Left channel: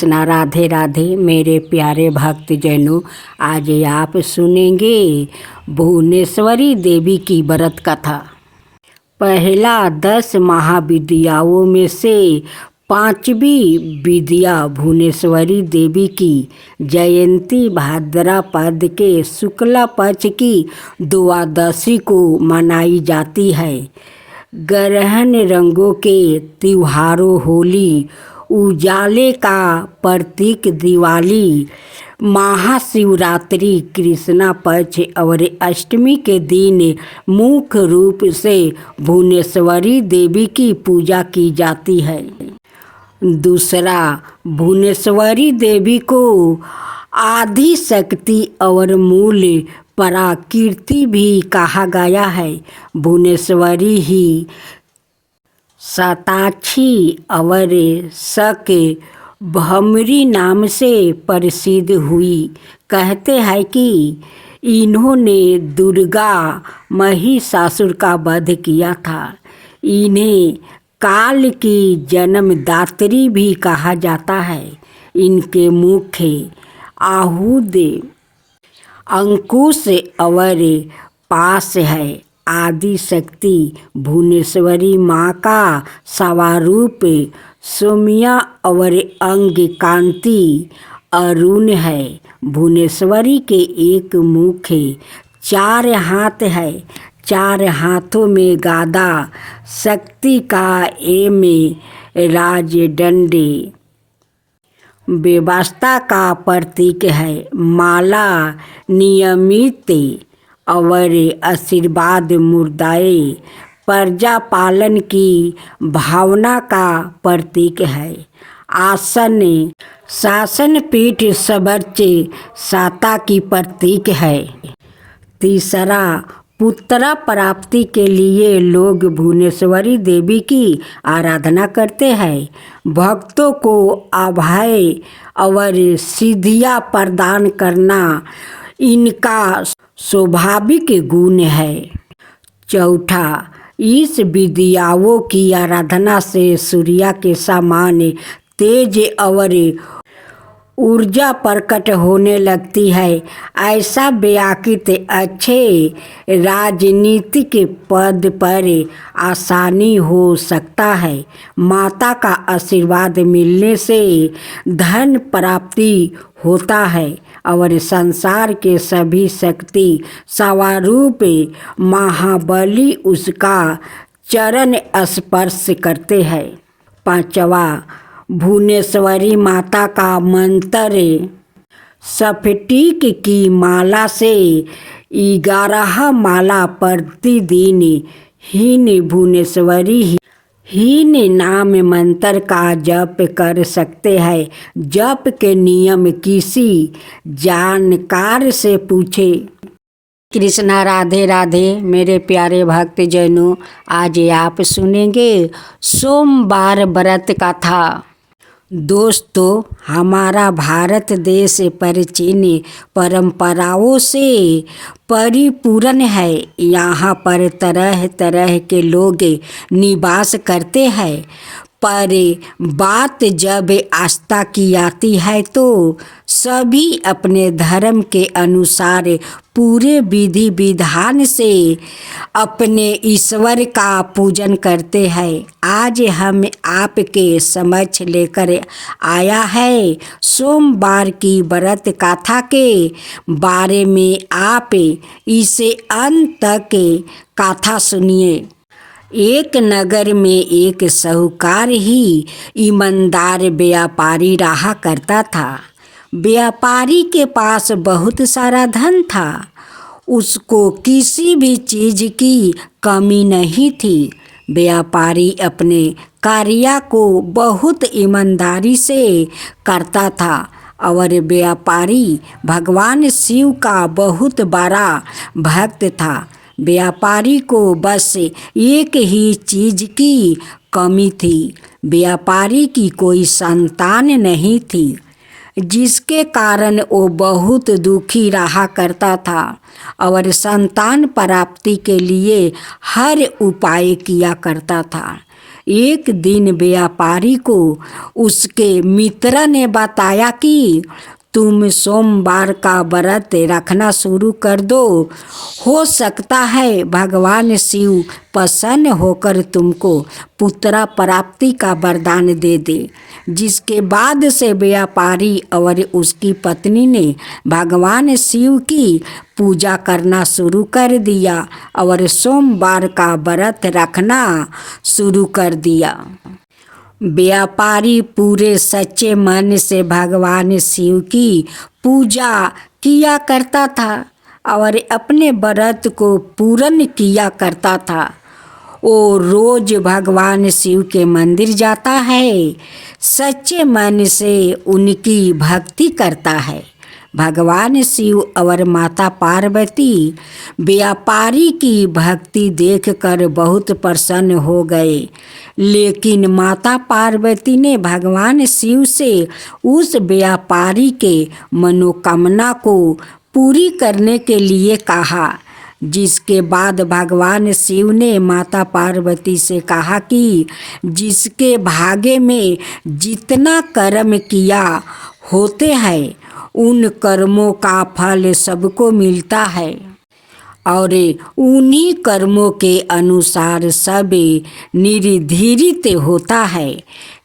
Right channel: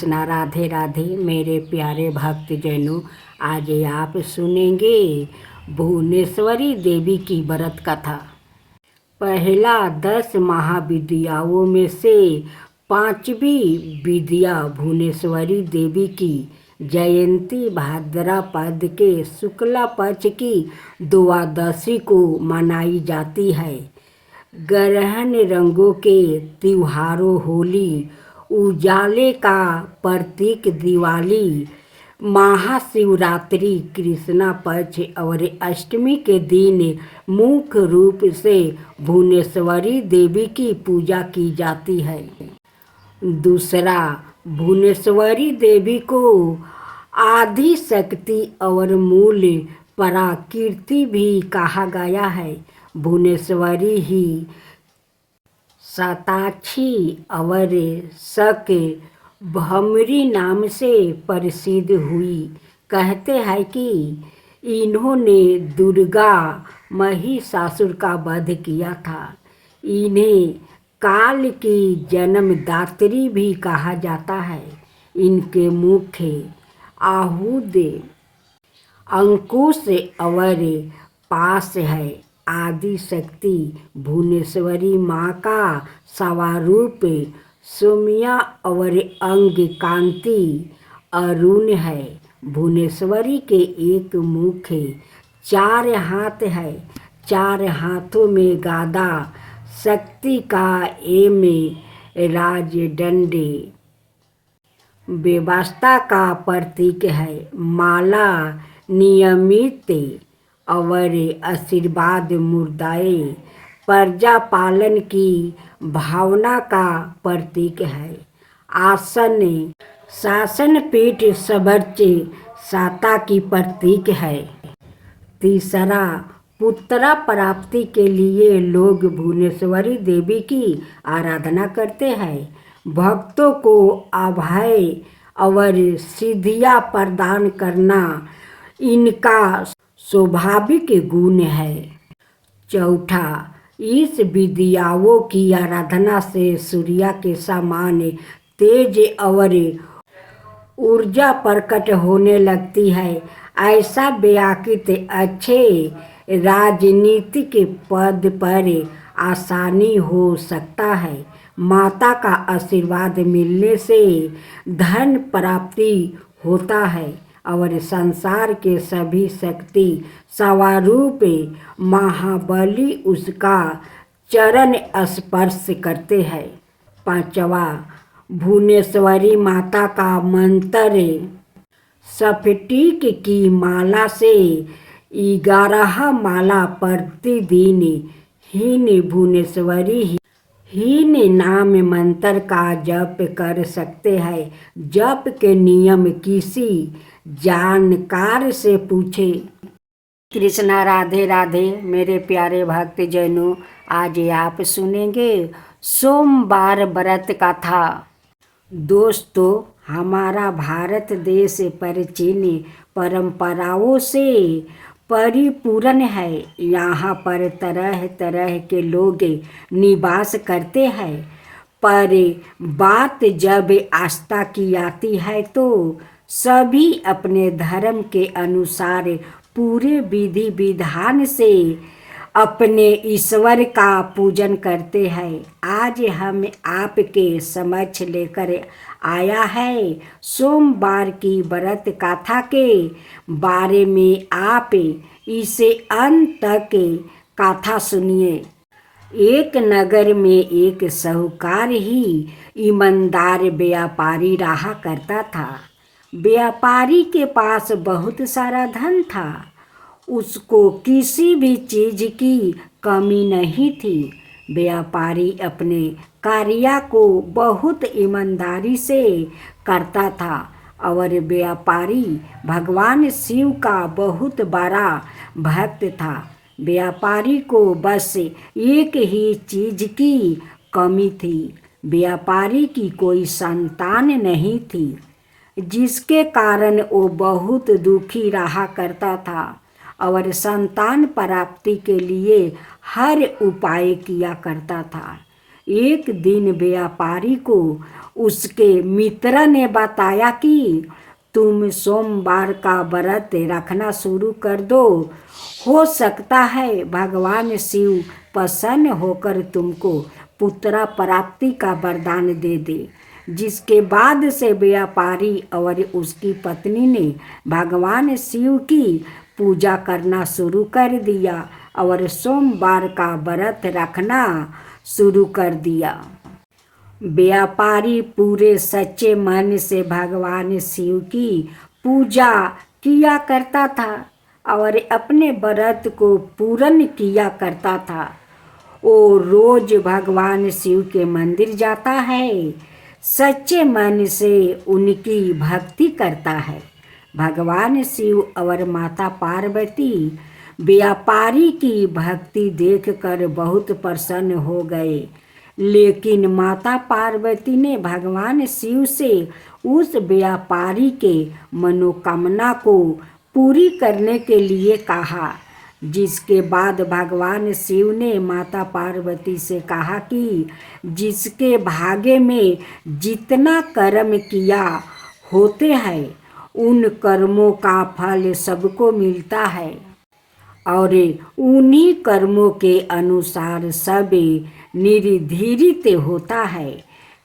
कृष्णा राधे राधे मेरे प्यारे भक्तजनों। आज आप सुनेंगे भुवनेश्वरी देवी की व्रत कथा। पहला 10 महाविद्याओं में से 5वीं विद्या भुवनेश्वरी देवी की जयंती भाद्रपद के शुक्ल पक्ष की द्वादशी को मनाई जाती है। ग्रहण रंगों के त्योहारों होली, उजाले का प्रतीक दिवाली, महाशिवरात्रि, कृष्णा पक्ष और अष्टमी के दिन मुख्य रूप से भुवनेश्वरी देवी की पूजा की जाती है। दूसरा, भुवनेश्वरी देवी को आदि शक्ति और मूल पराकीर्ति भी कहा गया है। भुवनेश्वरी ही शताक्षी और शक भमरी नाम से प्रसिद्ध हुई। कहते हैं कि इन्होंने दुर्गा महिषासुर का वध किया था। इन्हें काल की जन्मदात्री भी कहा जाता है। इनके मुख्य आयुध अंकुश और पास है। आदि शक्ति भुवनेश्वरी माँ का स्वरूप सौम्या और अंग कांति अरुण है। भुवनेश्वरी के एक मुख्य 4 हाथ है। 4 हाथों में गदा, शक्ति का एम राजदंड व्यवस्था का प्रतीक है। माला नियमित और आशीर्वाद मुद्राए प्रजा पालन की भावना का प्रतीक है। आसन शासन पीठ सर्वोच्च सत्ता की प्रतीक है। तीसरा, पुत्र प्राप्ति के लिए लोग भुवनेश्वरी देवी की आराधना करते हैं। भक्तों को अभय और सिद्धियां प्रदान करना इनका स्वाभाविक गुण है। चौथा, इस विद्याओं की आराधना से सूर्य के समान तेज और ऊर्जा प्रकट होने लगती है। ऐसा व्यक्ति अच्छे राजनीतिक पद पर आसानी हो सकता है। माता का आशीर्वाद मिलने से धन प्राप्ति होता है और संसार के सभी शक्ति स्वरूप महाबली उसका चरण स्पर्श करते हैं। पांचवा, भुवनेश्वरी माता का मंत्र स्फटिक की माला से 11 माला प्रतिदिन हीन भुवनेश्वरी हीन नाम मंत्र का जप कर सकते हैं। जप के नियम किसी जानकार से पूछे। कृष्णा राधे राधे मेरे प्यारे भक्तजनों। आज आप सुनेंगे सोमवार व्रत कथा। दोस्तों, हमारा भारत देश प्राचीन परंपराओं से परिपूर्ण है। यहाँ पर तरह तरह के लोग निवास करते हैं, पर बात जब आस्था की आती है तो सभी अपने धर्म के अनुसार पूरे विधि विधान से अपने ईश्वर का पूजन करते हैं। आज हम आपके समक्ष लेकर आया है सोमवार की व्रत कथा के बारे में। आप इसे अंत तक कथा सुनिए। एक नगर में एक साहूकार ही ईमानदार व्यापारी रहा करता था। व्यापारी के पास बहुत सारा धन था। उसको किसी भी चीज़ की कमी नहीं थी। व्यापारी अपने कार्य को बहुत ईमानदारी से करता था और व्यापारी भगवान शिव का बहुत बड़ा भक्त था। व्यापारी को बस एक ही चीज़ की कमी थी। व्यापारी की कोई संतान नहीं थी, जिसके कारण वो बहुत दुखी रहा करता था और संतान प्राप्ति के लिए हर उपाय किया करता था। एक दिन व्यापारी को उसके मित्र ने बताया कि तुम सोमवार का व्रत रखना शुरू कर दो, हो सकता है भगवान शिव प्रसन्न होकर तुमको पुत्र प्राप्ति का वरदान दे दे। जिसके बाद से व्यापारी और उसकी पत्नी ने भगवान शिव की पूजा करना शुरू कर दिया और सोमवार का व्रत रखना शुरू कर दिया। व्यापारी पूरे सच्चे मन से भगवान शिव की पूजा किया करता था और अपने व्रत को पूर्ण किया करता था। वो रोज भगवान शिव के मंदिर जाता है, सच्चे मन से उनकी भक्ति करता है। भगवान शिव और माता पार्वती व्यापारी की भक्ति देखकर बहुत प्रसन्न हो गए, लेकिन माता पार्वती ने भगवान शिव से उस व्यापारी के मनोकामना को पूरी करने के लिए कहा। जिसके बाद भगवान शिव ने माता पार्वती से कहा कि जिसके भाग्य में जितना कर्म किया होते हैं उन कर्मों का फल सबको मिलता है और उन्हीं कर्मों के अनुसार सब निर्धारित होता है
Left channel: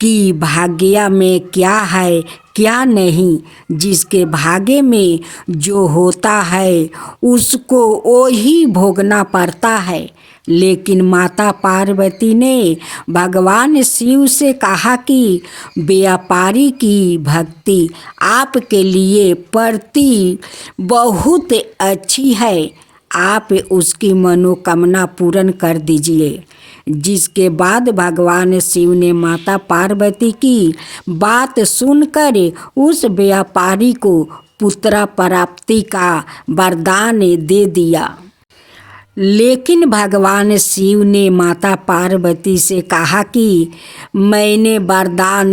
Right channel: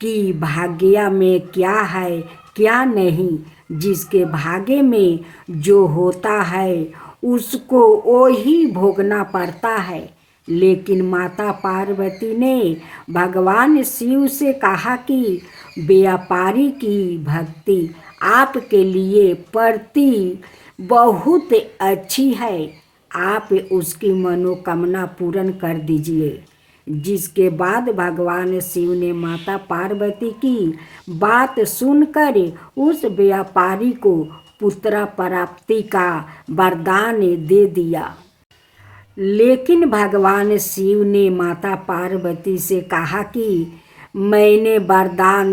कि भाग्य में क्या है क्या नहीं। जिसके भाग्य में जो होता है उसको वही भोगना पड़ता है। लेकिन माता पार्वती ने भगवान शिव से कहा कि व्यापारी की भक्ति आपके लिए प्रति बहुत अच्छी है, आप उसकी मनोकामना पूर्ण कर दीजिए। जिसके बाद भगवान शिव ने माता पार्वती की बात सुनकर उस व्यापारी को पुत्र प्राप्ति का वरदान दे दिया। लेकिन भगवान शिव ने माता पार्वती से कहा कि मैंने वरदान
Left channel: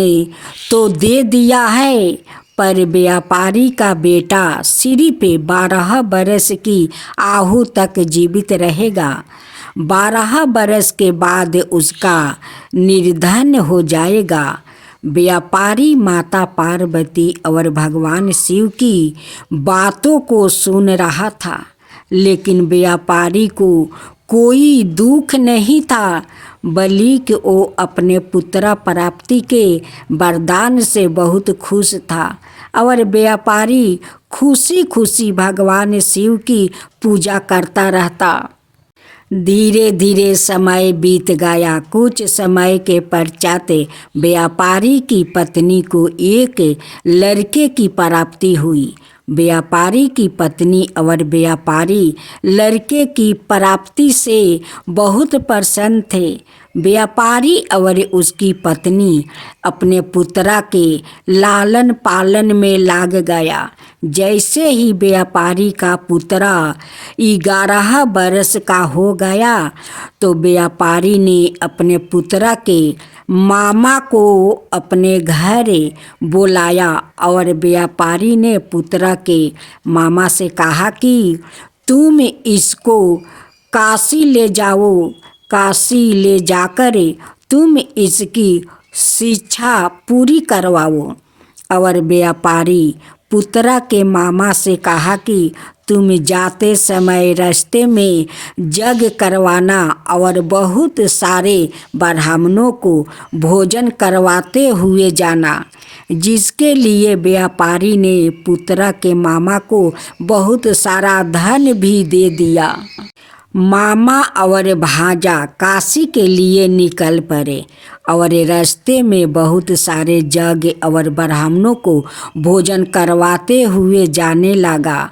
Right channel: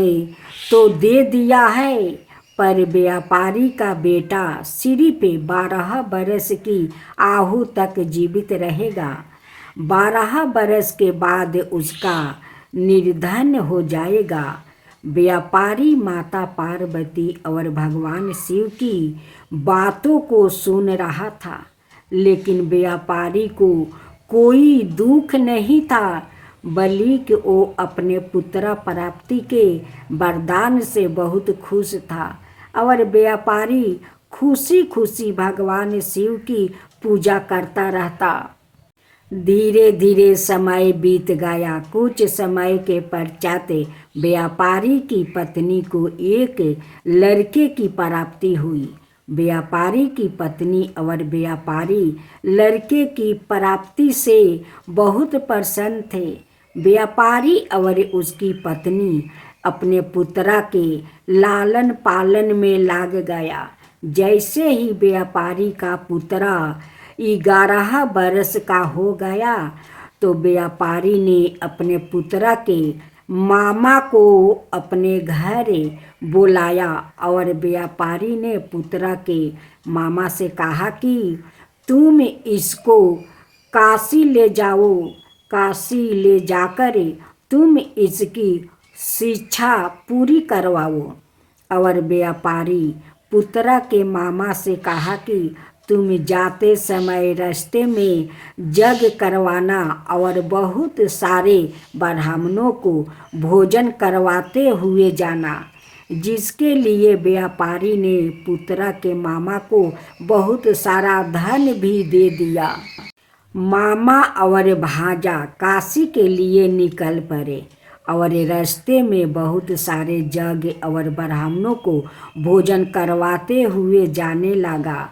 तो दे दिया है, पर व्यापारी का बेटा सिर्फ 12 बरस की आयु तक जीवित रहेगा। 12 बरस के बाद उसका निर्धन हो जाएगा। व्यापारी माता पार्वती और भगवान शिव की बातों को सुन रहा था, लेकिन व्यापारी को कोई दुख नहीं था, बल्कि वो अपने पुत्र प्राप्ति के वरदान से बहुत खुश था और व्यापारी खुशी खुशी भगवान शिव की पूजा करता रहता। धीरे धीरे समय बीत गया। कुछ समय के पश्चात व्यापारी की पत्नी को एक लड़के की प्राप्ति हुई। व्यापारी की पत्नी और व्यापारी लड़के की प्राप्ति से बहुत प्रसन्न थे। व्यापारी और उसकी पत्नी अपने पुत्रा के लालन पालन में लाग गया। जैसे ही व्यापारी का पुत्रा 11 बरस का हो गया तो व्यापारी ने अपने पुत्रा के मामा को अपने घर बुलाया और व्यापारी ने पुत्रा के मामा से कहा कि तुम इसको काशी ले जाओ, काशी ले जाकर तुम इसकी शिक्षा पूरी करवाओ। और व्यापारी पुत्रा के मामा से कहा कि तुम जाते समय रास्ते में यज्ञ करवाना और बहुत सारे ब्राह्मणों को भोजन करवाते हुए जाना। जिसके लिए व्यापारी ने पुत्रा के मामा को बहुत सारा धन भी दे दिया। मामा और भांजा काशी के लिए निकल पड़े और रास्ते में बहुत सारे यज्ञ और ब्राह्मणों को भोजन करवाते हुए जाने लगा।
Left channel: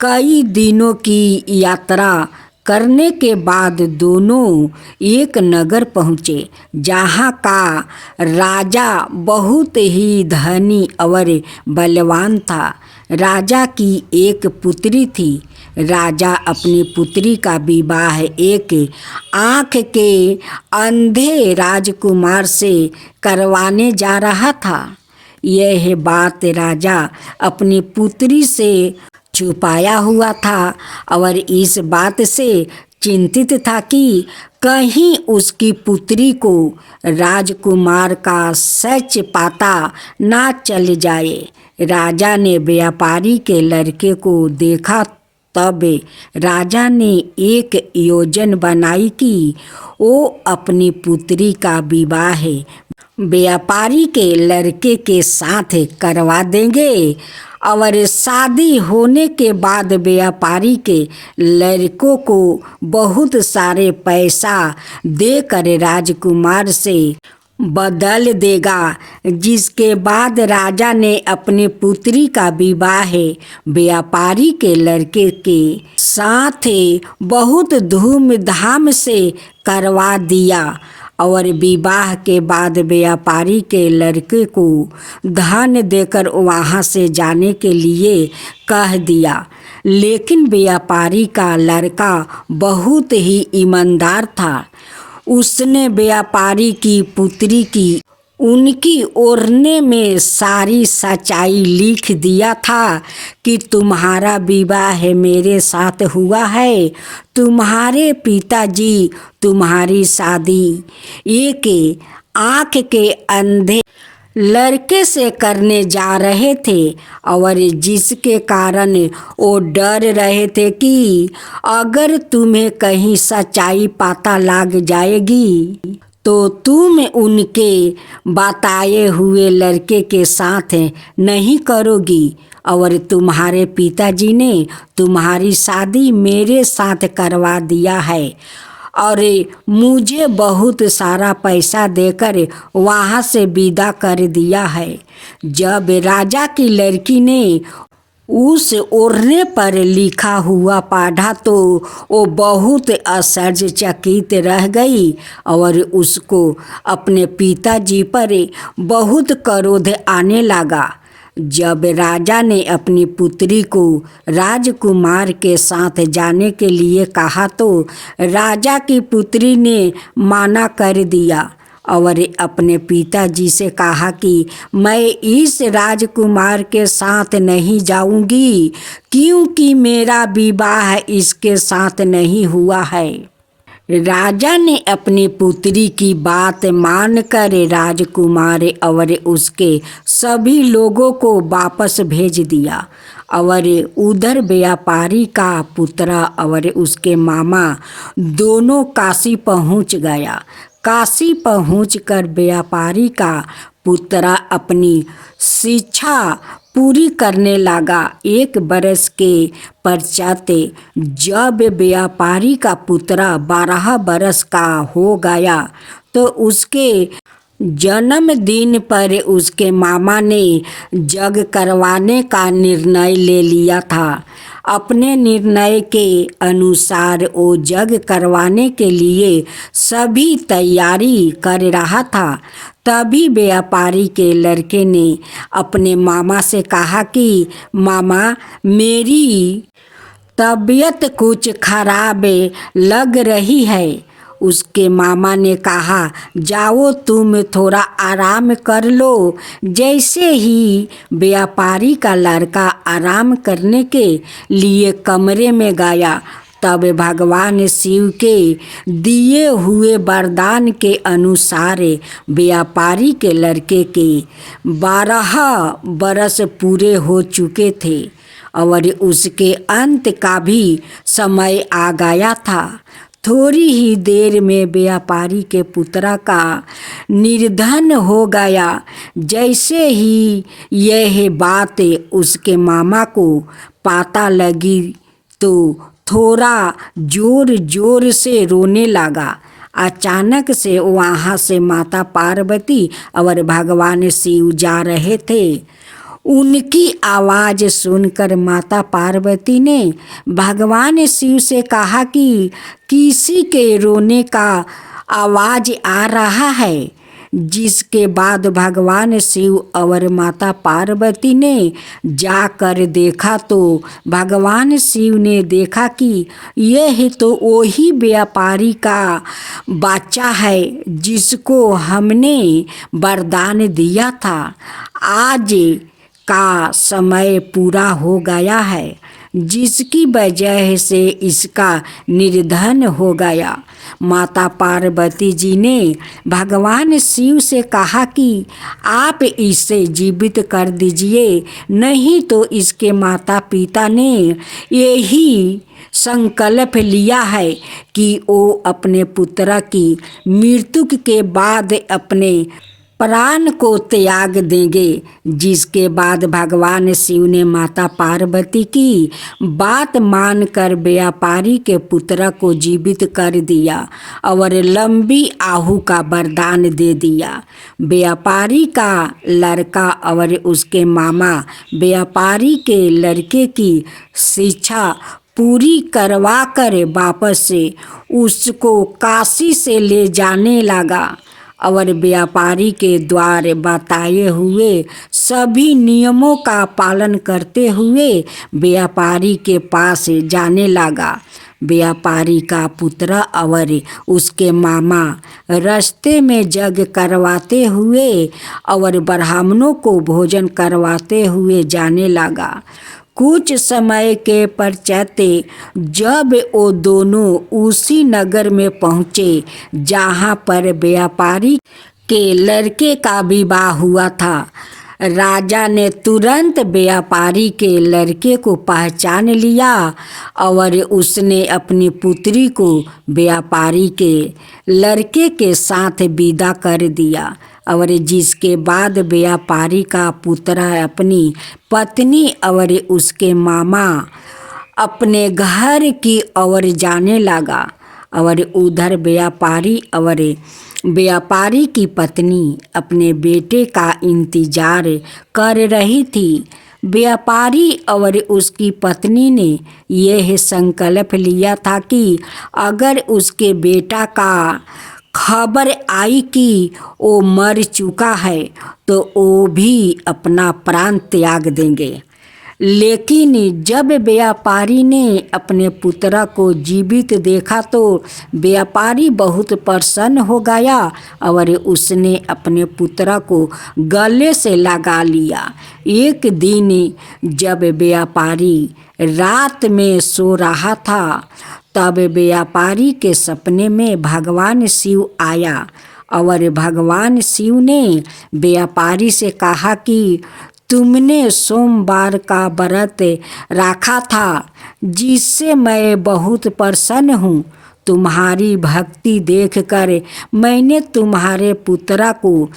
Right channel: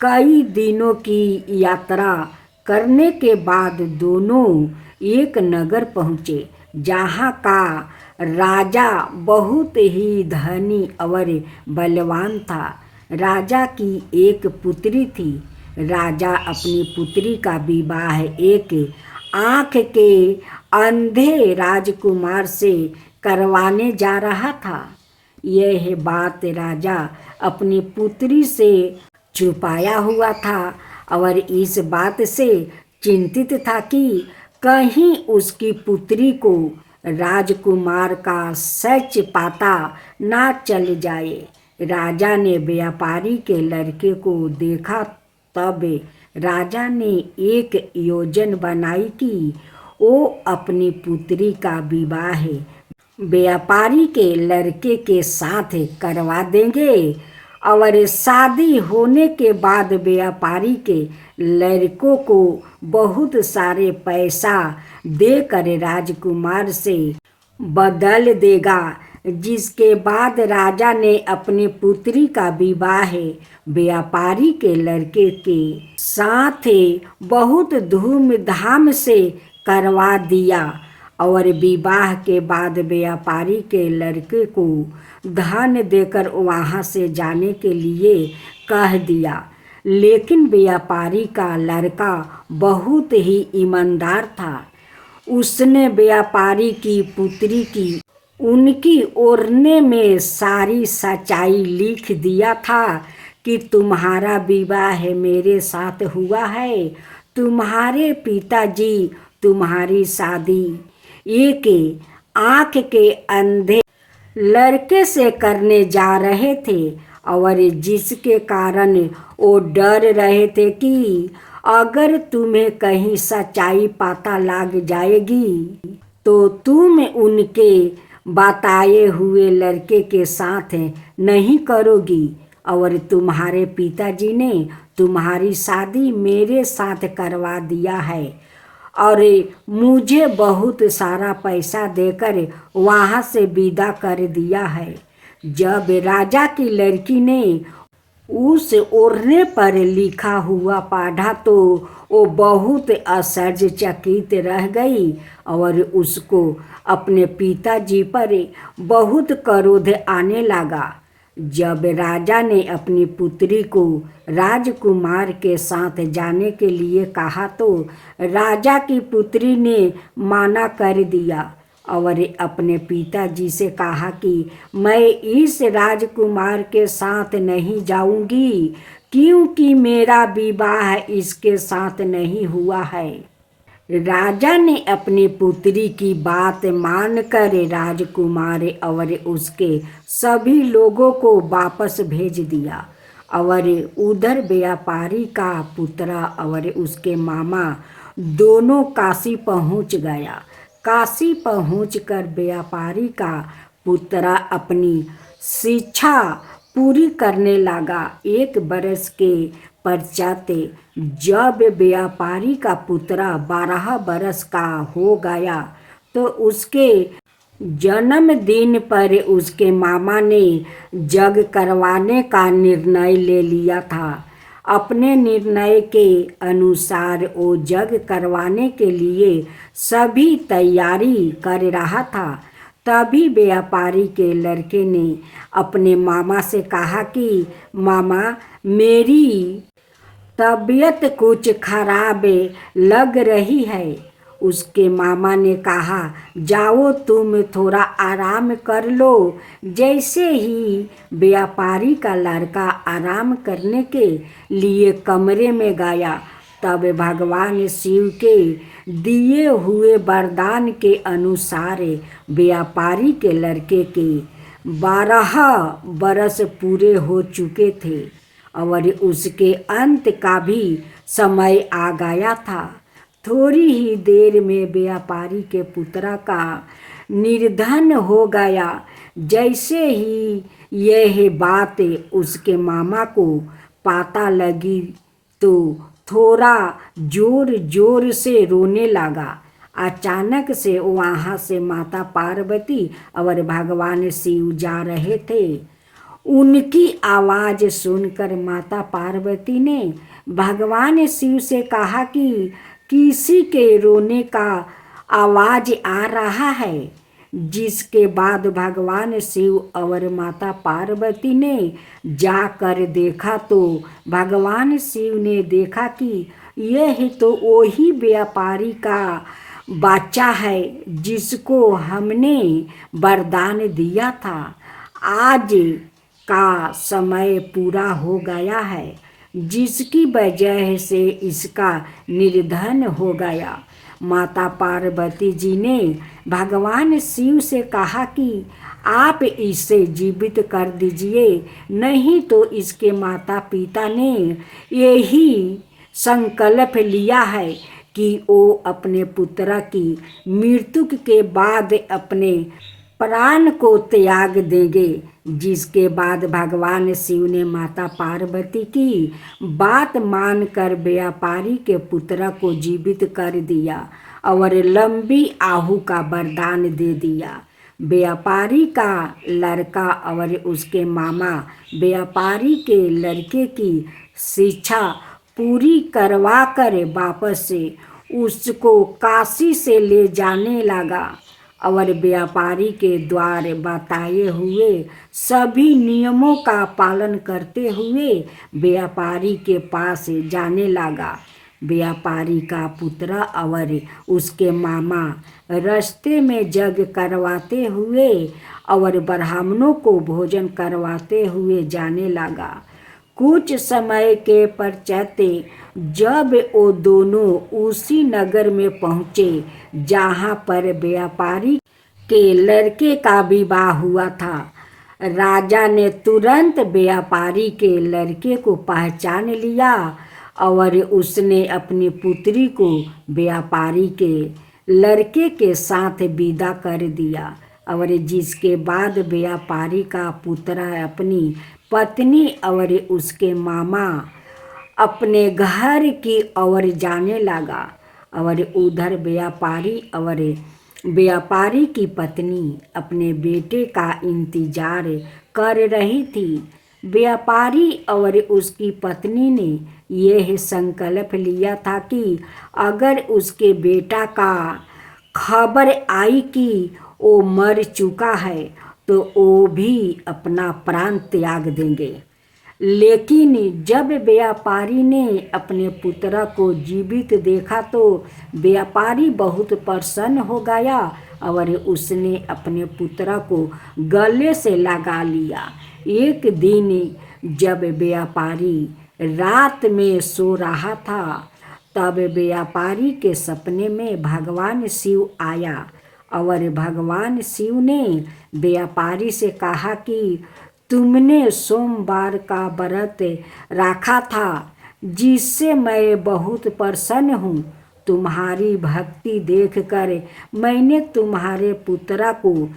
कई दिनों की यात्रा करने के बाद दोनों एक नगर पहुँचे, जहाँ का राजा बहुत ही धनी और बलवान था। राजा की एक पुत्री थी। राजा अपनी पुत्री का विवाह एक आँख के अंधे राजकुमार से करवाने जा रहा था। यह बात राजा अपनी पुत्री से छुपाया हुआ था और इस बात से चिंतित था कि कहीं उसकी पुत्री को राजकुमार का सच पता ना चल जाए। राजा ने व्यापारी के लड़के को देखा। तब राजा ने एक योजना बनाई कि वो अपनी पुत्री का विवाह व्यापारी के लड़के के साथ करवा देंगे और शादी होने के बाद व्यापारी के लड़कों को बहुत सारे पैसा देकर राजकुमार से बदल देगा। जिसके बाद राजा ने अपनी पुत्री का विवाह व्यापारी के लड़के के साथ बहुत धूमधाम से करवा दिया और विवाह के बाद व्यापारी के लड़के को धन देकर वहाँ से जाने के लिए कह दिया। लेकिन व्यापारी का लड़का बहुत ही ईमानदार था। उसने व्यापारी की पुत्री की उनकी ओढ़ने में सारी सच्चाई लिख दिया था कि तुम्हारा विवाह मेरे साथ हुआ है। तुम्हारे पिताजी तुम्हारी शादी एक आँख के अंधे लड़के से करने जा रहे थे और जिसके कारण वो डर रहे थे कि अगर तुम्हें कहीं सच्चाई पता लग जाएगी तो तुम उनके बताए हुए लड़के के साथ नहीं करोगी और तुम्हारे पिताजी ने तुम्हारी शादी मेरे साथ करवा दिया है और मुझे बहुत सारा पैसा देकर वहाँ से विदा कर दिया है। जब राजा की लड़की ने उस ओढ़ने पर लिखा हुआ पढ़ा तो वो बहुत आश्चर्यचकित रह गई और उसको अपने पिताजी पर बहुत क्रोध आने लगा। जब राजा ने अपनी पुत्री को राजकुमार के साथ जाने के लिए कहा तो राजा की पुत्री ने माना कर दिया और अपने पिताजी से कहा कि मैं इस राजकुमार के साथ नहीं जाऊंगी क्योंकि मेरा विवाह इसके साथ नहीं हुआ है। राजा ने अपनी पुत्री की बात मानकर राजकुमार और उसके सभी लोगों को वापस भेज दिया और उधर व्यापारी का पुत्र और उसके मामा दोनों काशी पहुंच गया। काशी पहुंचकर व्यापारी का पुत्र अपनी शिक्षा पूरी करने लगा। 1 बरस के पश्चात जब व्यापारी का पुत्र 12 बरस का हो गया तो उसके जन्मदिन पर उसके मामा ने यज्ञ करवाने का निर्णय ले लिया था। अपने निर्णय के अनुसार वो यज्ञ करवाने के लिए सभी तैयारी कर रहा था। तभी व्यापारी के लड़के ने अपने मामा से कहा कि मामा मेरी तबीयत कुछ खराब लग रही है। उसके मामा ने कहा जाओ तुम थोड़ा आराम कर लो। जैसे ही व्यापारी का लड़का आराम करने के लिए कमरे में गया तब भगवान शिव के दिए हुए वरदान के अनुसार व्यापारी के लड़के के 12 बरस पूरे हो चुके थे और उसके अंत का भी समय आ गया था। थोड़ी ही देर में व्यापारी के पुत्र का निर्धन हो गया। जैसे ही यह बात उसके मामा को पता लगी तो थोड़ा जोर जोर से रोने लगा। अचानक से वहाँ से माता पार्वती और भगवान शिव जा रहे थे। उनकी आवाज़ सुनकर माता पार्वती ने भगवान शिव से कहा कि किसी के रोने का आवाज़ आ रहा है। जिसके बाद भगवान शिव और माता पार्वती ने जाकर देखा तो भगवान शिव ने देखा कि यह तो वही व्यापारी का बच्चा है जिसको हमने वरदान दिया था। आज का समय पूरा हो गया है। जिसकी वजह से इसका निर्धन हो गया। माता पार्वती जी ने भगवान शिव से कहा कि आप इसे जीवित कर दीजिए, नहीं तो इसके माता पिता ने यही संकल्प लिया है कि वो अपने पुत्र की मृत्यु के बाद अपने प्राण को त्याग देंगे। जिसके बाद भगवान शिव ने माता पार्वती की बात मानकर व्यापारी के पुत्र को जीवित कर दिया और लंबी आयु का वरदान दे दिया। व्यापारी का लड़का और उसके मामा व्यापारी के लड़के की शिक्षा पूरी करवा कर वापस से उसको काशी से ले जाने लगा और व्यापारी के द्वारा बताए हुए सभी नियमों का पालन करते हुए व्यापारी के पास जाने लगा। व्यापारी का पुत्र और उसके मामा रास्ते में यज्ञ करवाते हुए और ब्राह्मणों को भोजन करवाते हुए जाने लगा। कुछ समय के पश्चात जब वो दोनों उसी नगर में पहुँचे जहाँ पर व्यापारी के लड़के का विवाह हुआ था, राजा ने तुरंत व्यापारी के लड़के को पहचान लिया और उसने अपनी पुत्री को व्यापारी के लड़के के साथ विदा कर दिया। और जिसके बाद व्यापारी का पुत्र अपनी पत्नी और उसके मामा अपने घर की ओर जाने लगा और उधर व्यापारी और व्यापारी की पत्नी अपने बेटे का इंतजार कर रही थी। व्यापारी और उसकी पत्नी ने यह संकल्प लिया था कि अगर उसके बेटा का खबर आई कि वो मर चुका है तो वो भी अपना प्राण त्याग देंगे। लेकिन जब व्यापारी ने अपने पुत्र को जीवित देखा तो व्यापारी बहुत प्रसन्न हो गया और उसने अपने पुत्र को गले से लगा लिया। एक दिन जब व्यापारी रात में सो रहा था तब व्यापारी के सपने में भगवान शिव आया और भगवान शिव ने व्यापारी से कहा कि तुमने सोमवार का व्रत रखा था जिससे मैं बहुत प्रसन्न हूँ। तुम्हारी भक्ति देखकर मैंने तुम्हारे पुत्र को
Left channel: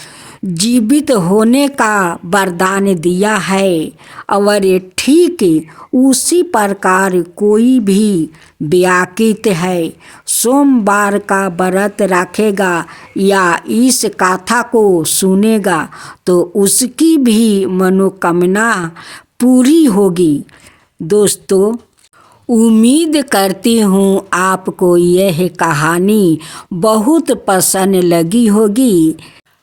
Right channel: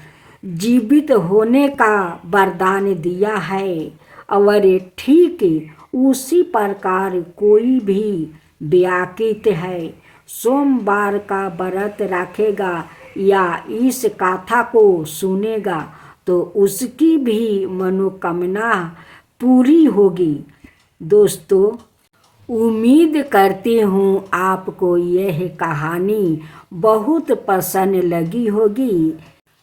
जीवित होने का वरदान दिया है और ठीक उसी प्रकार कोई भी व्याकृत है सोमवार का व्रत रखेगा या इस कथा को सुनेगा तो उसकी भी मनोकामना पूरी होगी। दोस्तों, उम्मीद करती हूँ आपको यह कहानी बहुत पसंद लगी होगी।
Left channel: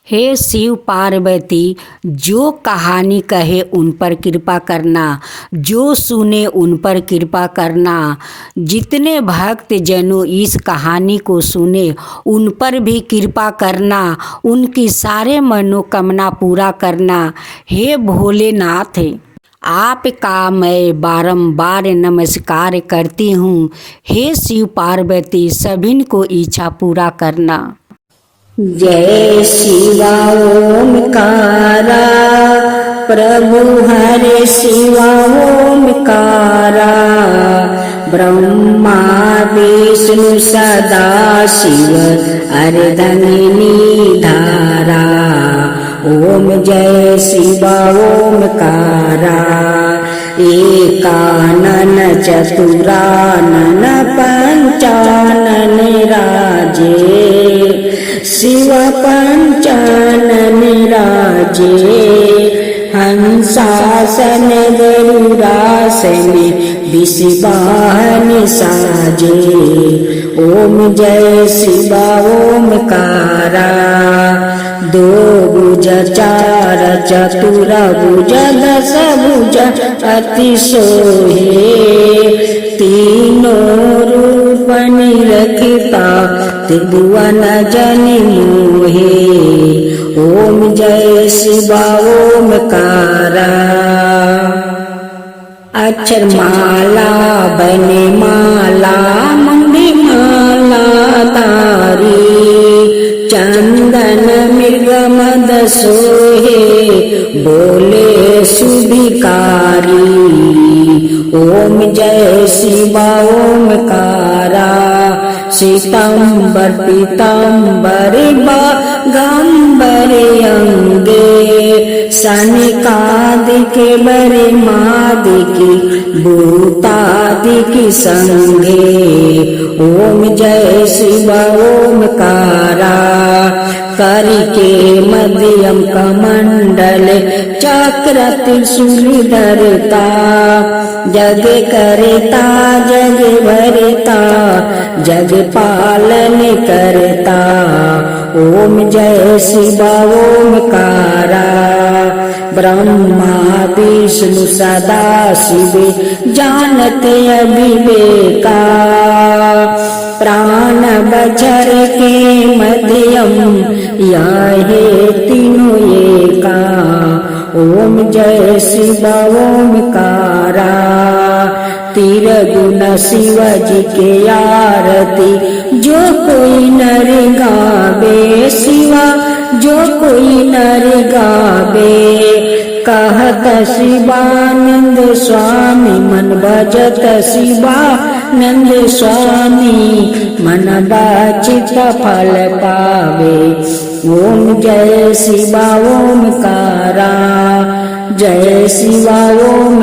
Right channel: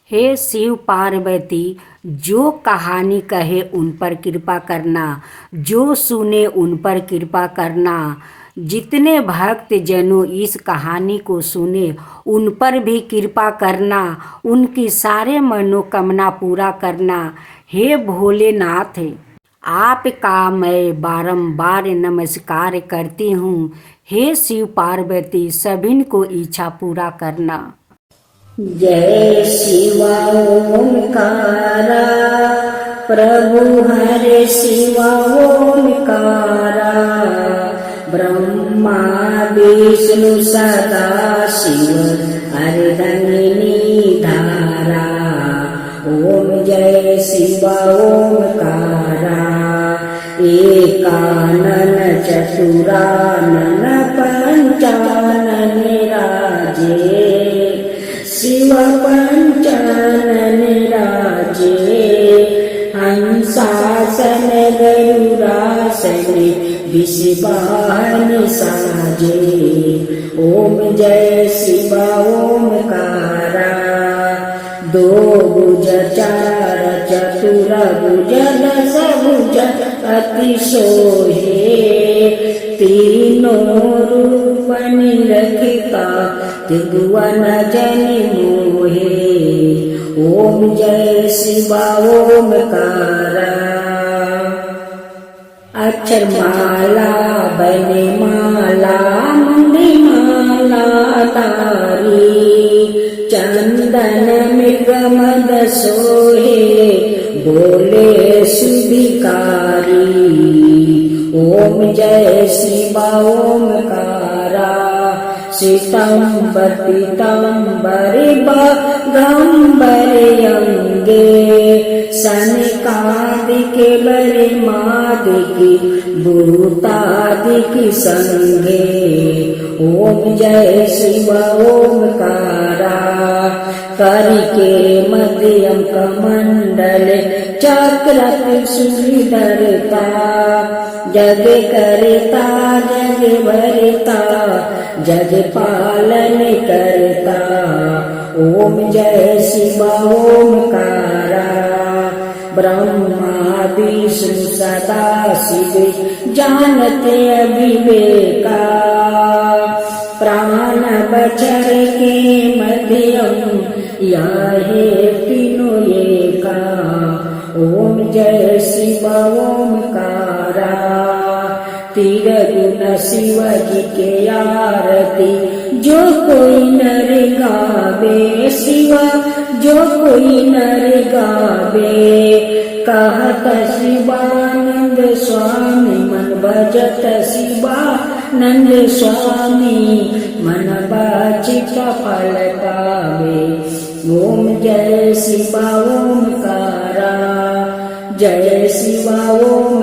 हे शिव पार्वती, जो कहानी कहे उन पर कृपा करना, जो सुने उन पर कृपा करना। जितने भक्त जनों इस कहानी को सुने उन पर भी कृपा करना, उनकी सारे मनोकामना पूरा करना। हे भोलेनाथ, आपका मैं बारंबार नमस्कार करती हूँ। हे शिव पार्वती, सभी को इच्छा पूरा करना। जय शिवा ओमकारा, प्रभु हरे शिवा ओमकारा। ब्रह्मा विष्णु सदा शिव अर्धंगिनी धारा। ओम जय शिवा ओमकारा। एकानन चतुरानन पंचानन राजे। शिव पंचानन राजे। हंसासन गरुड़ासन विषवाहन साजे। ओम जय शिवा ओमकारा। दो भुज चार चतुर भुज दस भुज अति सोहे। तीनों रूप निरखता त्रिभुवन जन मोहे। ओम जय शिवा ओमकारा। अक्षरमाला चंदन मृग मद सोहे बोले सुभिकारी। ओम जय शिव ओमकारा श्वेतांबर पीतांबर गंबरे अंगे सनिकादिके बरे मादिकी भूतादिकी संगे। ओम जय शिव ओमकारा करिके मध्यम कमंडल चक्र त्रिशूल धरता। जग करता जग भरता जग पालन करता। ओम जय शिव ओमकारा ब्रह्मा विष्णु सदा शिव जानते अविवेका। प्राण बचर के मध्यम याहे तीनों एका। ओम जय शिव ओमकारा तीर गुण शिव जी के आरती जो कोई नर गावे शिवा जो कोई नर गावे। कहत शिवानंद स्वामी मन भजत शिवानंद स्वामी मन वांछित फल पावे। ओम जय शिव ओमकारा जय शिव ओम